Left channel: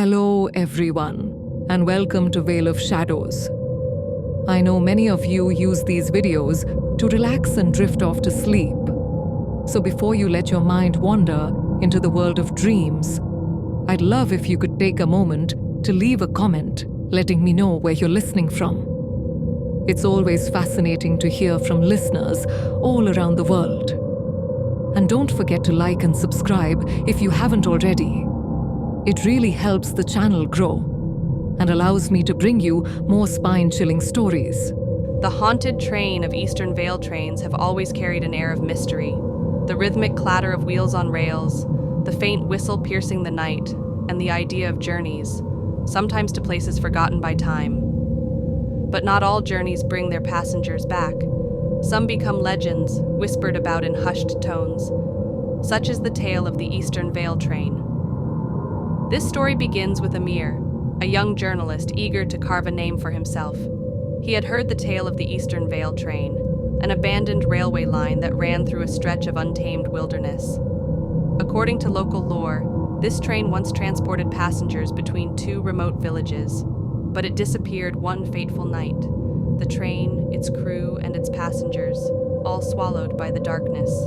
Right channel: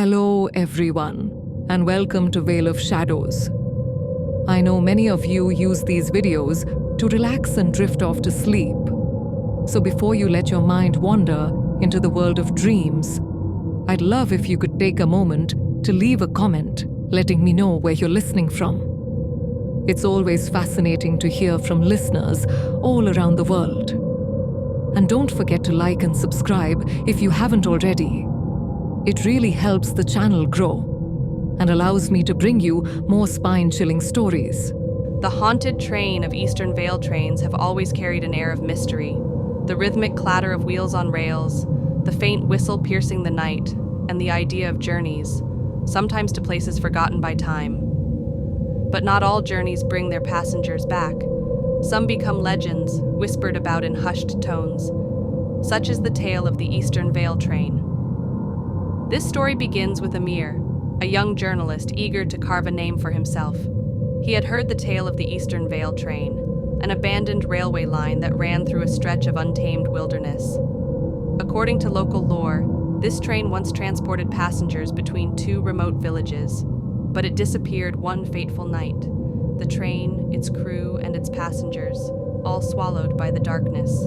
Hello, everyone, and welcome to Veil of Shadows. I know many of you use these videos to relax and drift off to sleep. So before you let your mind wander into the world of dreams, I'd love if you could take a moment to leave a comment letting me know where you're listening from. It's always fascinating to hear from listeners all around the world. And don't forget to like and subscribe if you haven't already. It really helps the channel grow and allows me to bring you more spine-chilling stories. The haunted train of Eastern Vale trains have always carried an air of mystery. The rhythmic clatter of wheels on rails, the faint whistle piercing the night, and the idea of journeys, sometimes to places forgotten by time. But not all journeys bring their passengers back. Some become legends, whispered about in hushed tones. Such is the tale of the Eastern Vale train. This story begins with Amir, a young journalist eager to carve a name for himself. He had heard the tale of the Eastern Vale train, an abandoned railway line that ran through a stretch of untamed wilderness. According to local lore, this train once transported passengers between two remote villages, but it disappeared one fateful night. The train, its crew, and its passengers, all swallowed by the darkness.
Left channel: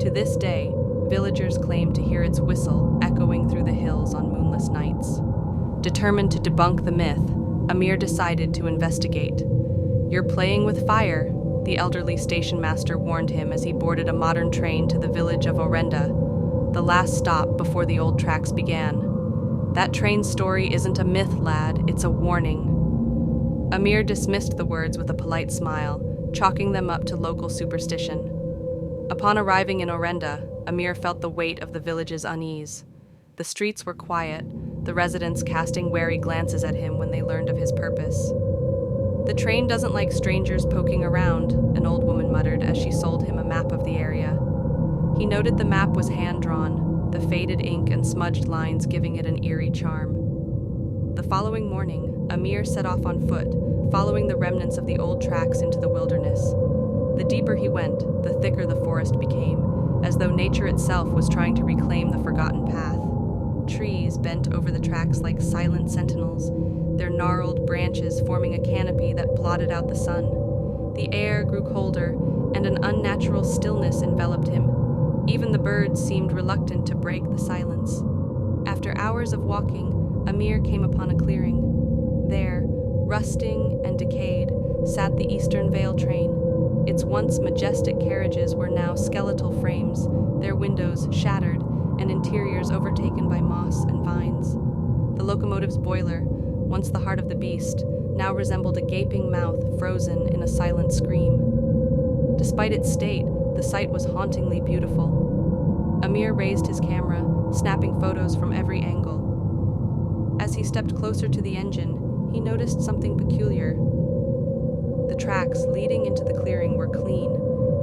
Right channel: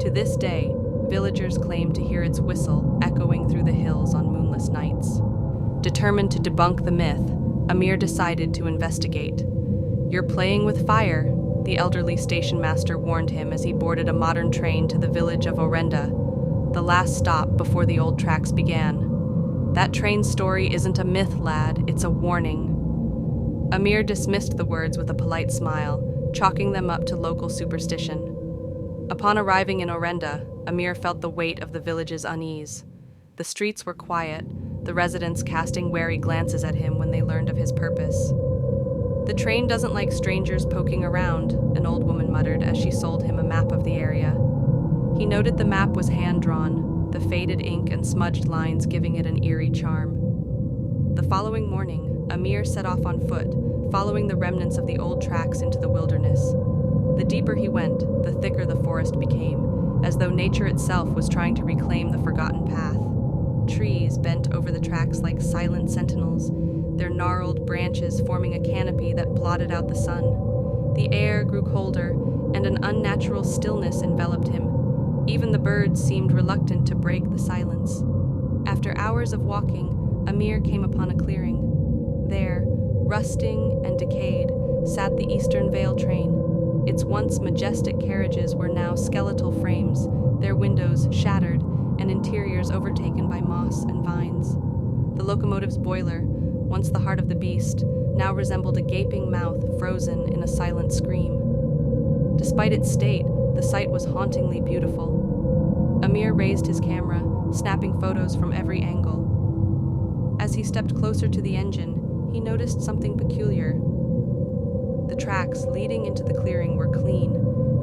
To this day, villagers claim to hear its whistle echoing through the hills on moonless nights. Determined to debunk the myth, Amir decided to investigate. "You're playing with fire," the elderly station master warned him as he boarded a modern train to the village of Orenda, the last stop before the old tracks began. "That train story isn't a myth, lad, it's a warning." Amir dismissed the words with a polite smile, chalking them up to local superstition. Upon arriving in Orenda, Amir felt the weight of the village's unease. The streets were quiet, the residents casting wary glances at him when they learned of his purpose. "The train doesn't like strangers poking around," an old woman muttered as she sold him a map of the area. He noted the map was hand-drawn, the faded ink and smudged lines giving it an eerie charm. The following morning, Amir set off on foot, following the remnants of the old tracks into the wilderness. The deeper he went, the thicker the forest became, as though nature itself was trying to reclaim the forgotten path. Trees bent over the tracks like silent sentinels, their gnarled branches forming a canopy that blotted out the sun. The air grew colder, and an unnatural stillness enveloped him. Even the birds seemed reluctant to break the silence. After hours of walking, Amir came upon a clearing. There, rusting and decayed, sat the Eastern Vale train. Its once majestic carriages were now skeletal frames, their windows shattered and interiors overtaken by moss and vines. The locomotive's boiler, once the heart of the beast, now resembled a gaping mouth frozen in a silent scream. Despite its state, the sight was hauntingly beautiful. Amir raised his camera, snapping photos from every angle. As he stepped closer to the engine, he noticed something peculiar. The tracks leading into the clearing were clean,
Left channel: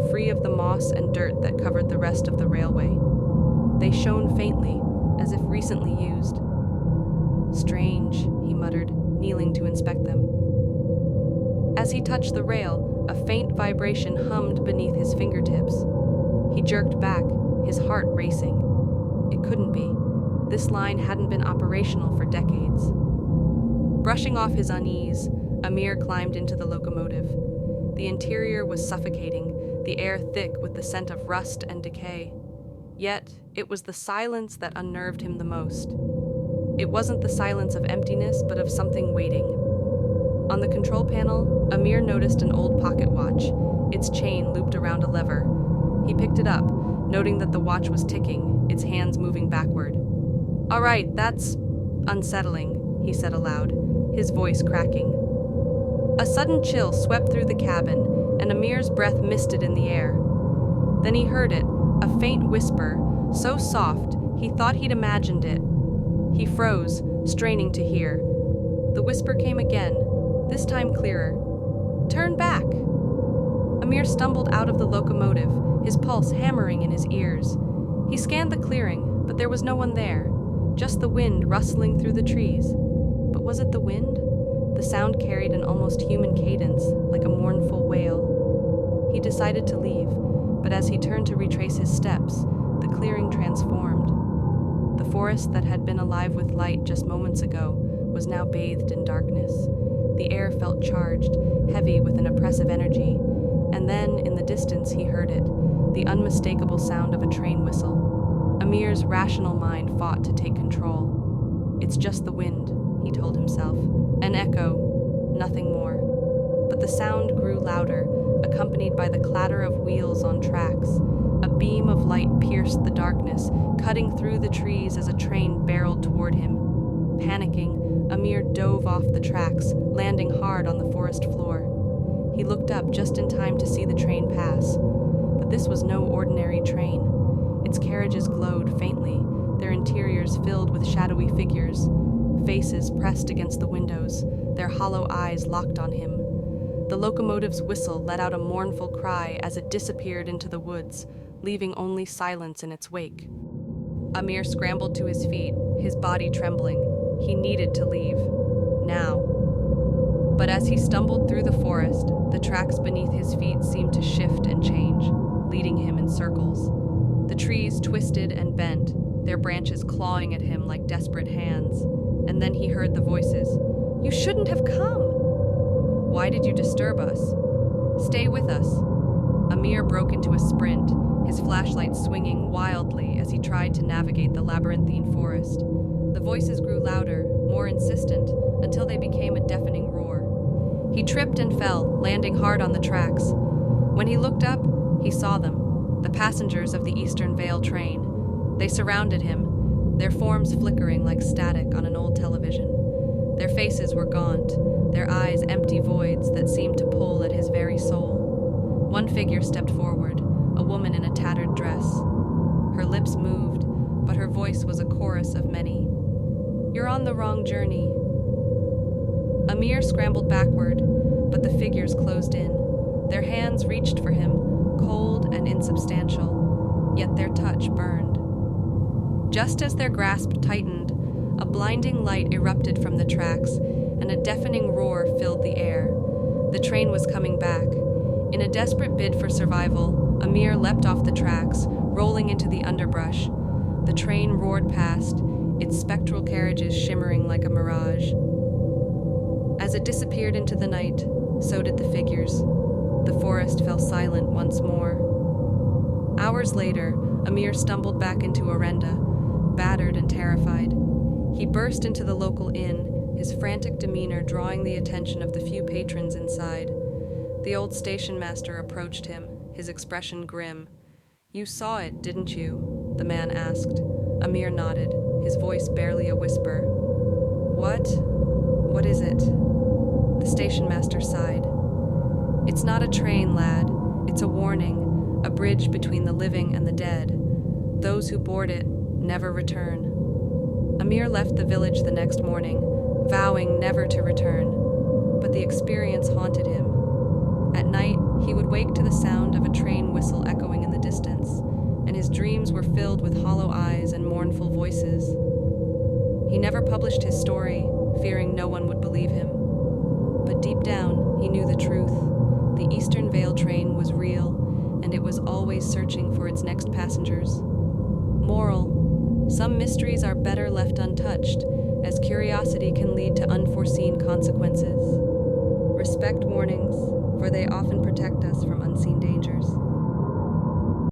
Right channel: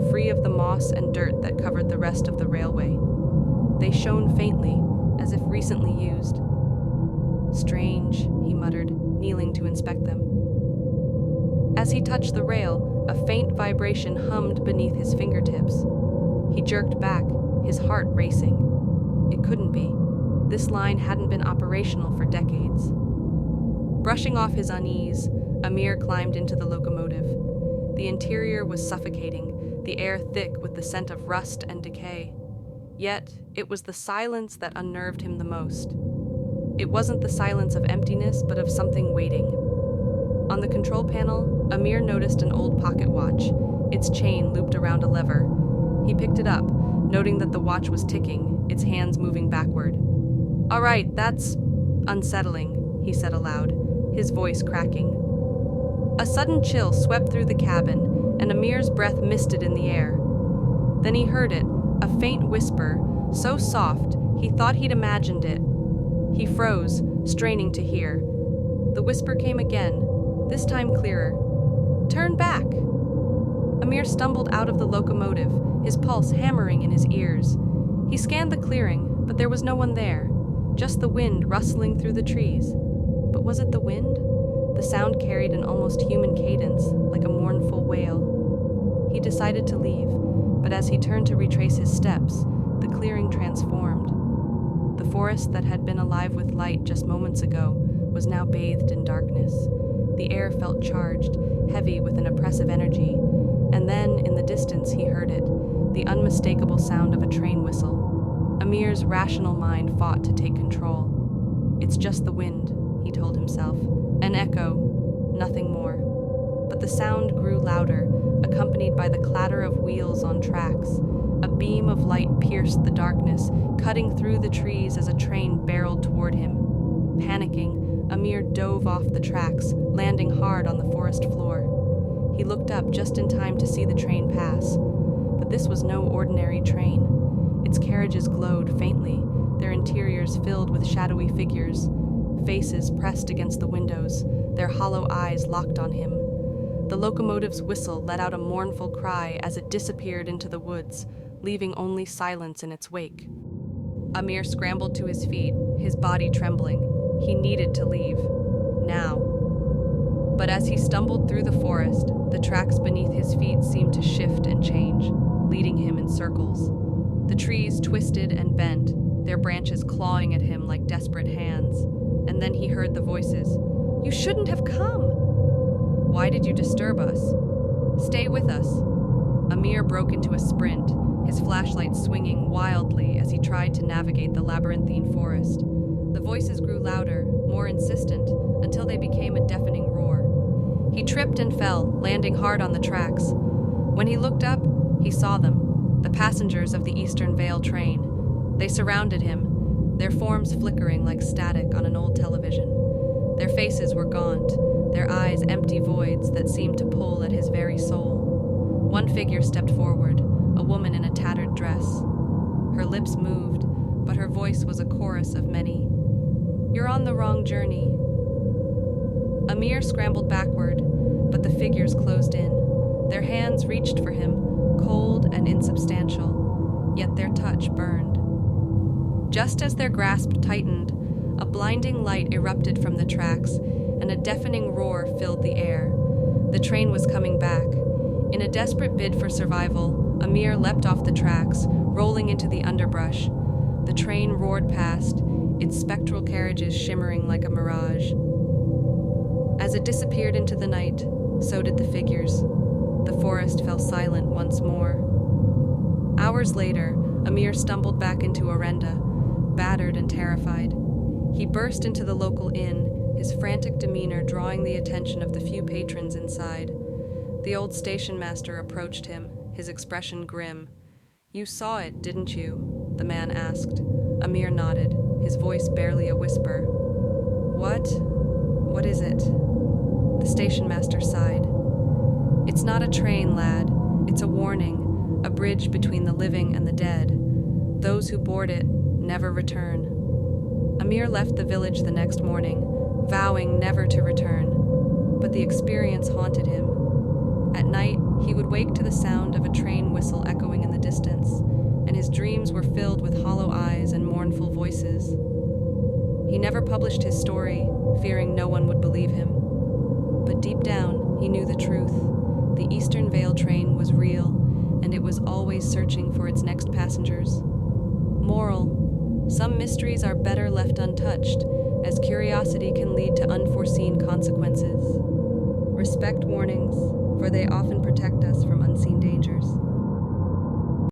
free of the moss and dirt that covered the rest of the railway. They shone faintly, as if recently used. "Strange," he muttered, kneeling to inspect them. As he touched the rail, a faint vibration hummed beneath his fingertips. He jerked back, his heart racing. It couldn't be. This line hadn't been operational for decades. Brushing off his unease, Amir climbed into the locomotive. The interior was suffocating, the air thick with the scent of rust and decay. Yet, it was the silence that unnerved him the most. It wasn't the silence of emptiness, but of something waiting. On the control panel, Amir noticed an old pocket watch, its chain looped around a lever. He picked it up, noting that the watch was ticking, its hands moving backward. "All right, that's unsettling," he said aloud, his voice cracking. A sudden chill swept through the cabin, and Amir's breath misted in the air. Then he heard it, a faint whisper, so soft he thought he'd imagined it. He froze, straining to hear. The whisper came again, this time clearer. "Turn back!" Amir stumbled out of the locomotive, his pulse hammering in his ears. He scanned the clearing, but there was no one there, just the wind rustling through the trees. But was it the wind? The sound carried an almost human cadence, like a mournful wail. He decided to leave, but as he turned to retrace his steps, the clearing transformed. The forest that had been alive with light just moments ago was now bathed in darkness. The air felt charged, heavy with an oppressive energy, and then, in the distance, he heard it, the unmistakable sound of a train whistle. Amir's rational mind fought to take control. "It's just the wind," he told himself. "An echo, nothing more." But the sound grew louder, accompanied by the clatter of wheels on tracks. A beam of light pierced the darkness, cutting through the trees as a train barreled toward him. Panicking, Amir dove off the tracks, landing hard on the forest floor. He looked up just in time to see the train pass. But this was no ordinary train. Its carriages glowed faintly, their interiors filled with shadowy figures, faces pressed against the windows, their hollow eyes locked on him. The locomotive's whistle let out a mournful cry as it disappeared into the woods, leaving only silence in its wake. Amir scrambled to his feet, his body trembling. He needed to leave. Now. But as he stumbled through the forest, the tracks beneath his feet seemed to shift and change, leading him in circles. The trees twisted and bent, their branches clawing at him like desperate hands. And then he heard the voices. "You shouldn't have come!" "Why did you disturb us?" "Stay with us." Amir broke into a sprint, his flashlight swinging wildly as he tried to navigate the labyrinthine forest. The voices grew louder, more insistent, until they became a deafening roar. He tripped and fell, landing hard on the tracks. When he looked up, he saw them, the passengers of the Eastern Vale train. They surrounded him, their forms flickering like static on an old television. Their faces were gaunt, their eyes empty voids that seemed to pull at his very soul. One figure stepped forward, a woman in a tattered dress. Her lips moved, but her voice was a chorus of many. "You're on the wrong journey." Amir scrambled backward, but the figures closed in. Their hands reached for him, cold and insubstantial, yet their touch burned. Just as their grasp tightened, a blinding light erupted from the tracks, and a deafening roar filled the air. The train was coming back. In a desperate bid for survival, Amir leapt off the tracks, rolling into the underbrush. The train roared past, its spectral carriages shimmering like a mirage. As it disappeared into the night, so did the figures. The forest fell silent once more. Hours later, Amir stumbled back into Orenda, battered and terrified. He burst into the local inn, his frantic demeanor drawing the attention of the few patrons inside. The old station master approached him, his expression grim. "You saw it, didn't you?" the man asked. Amir nodded, his voice barely a whisper. "What? What is it?" The station master sighed. "It's not a train, lad. It's a warning, a bridge between the living and the dead. Those who board it never return." Amir left the village the next morning, vowing never to return, but the experience haunted him. At night, he would wake to the sound of a train whistle echoing in the distance, and his dreams were filled with hollow eyes and mournful voices. He never published his story, fearing no one would believe him. But deep down, he knew the truth. The Eastern Vale train was real, and it was always searching for its next passengers. Moral: some mysteries are better left untouched, as curiosity can lead to unforeseen consequences. Respect warnings, for they often protect us from unseen dangers.